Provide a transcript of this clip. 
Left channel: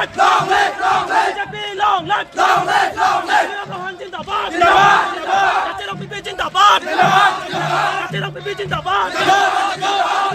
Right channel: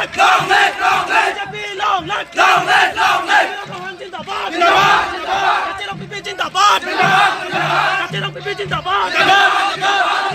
live, long live, long live, long live, long live, long live, जिंदाबाद, जिंदाबाद, जिंदाबाद, जिंदाबाद, जिंदाबाद, जिंदाबाद, जिंदाबाद, जिंदाबाद,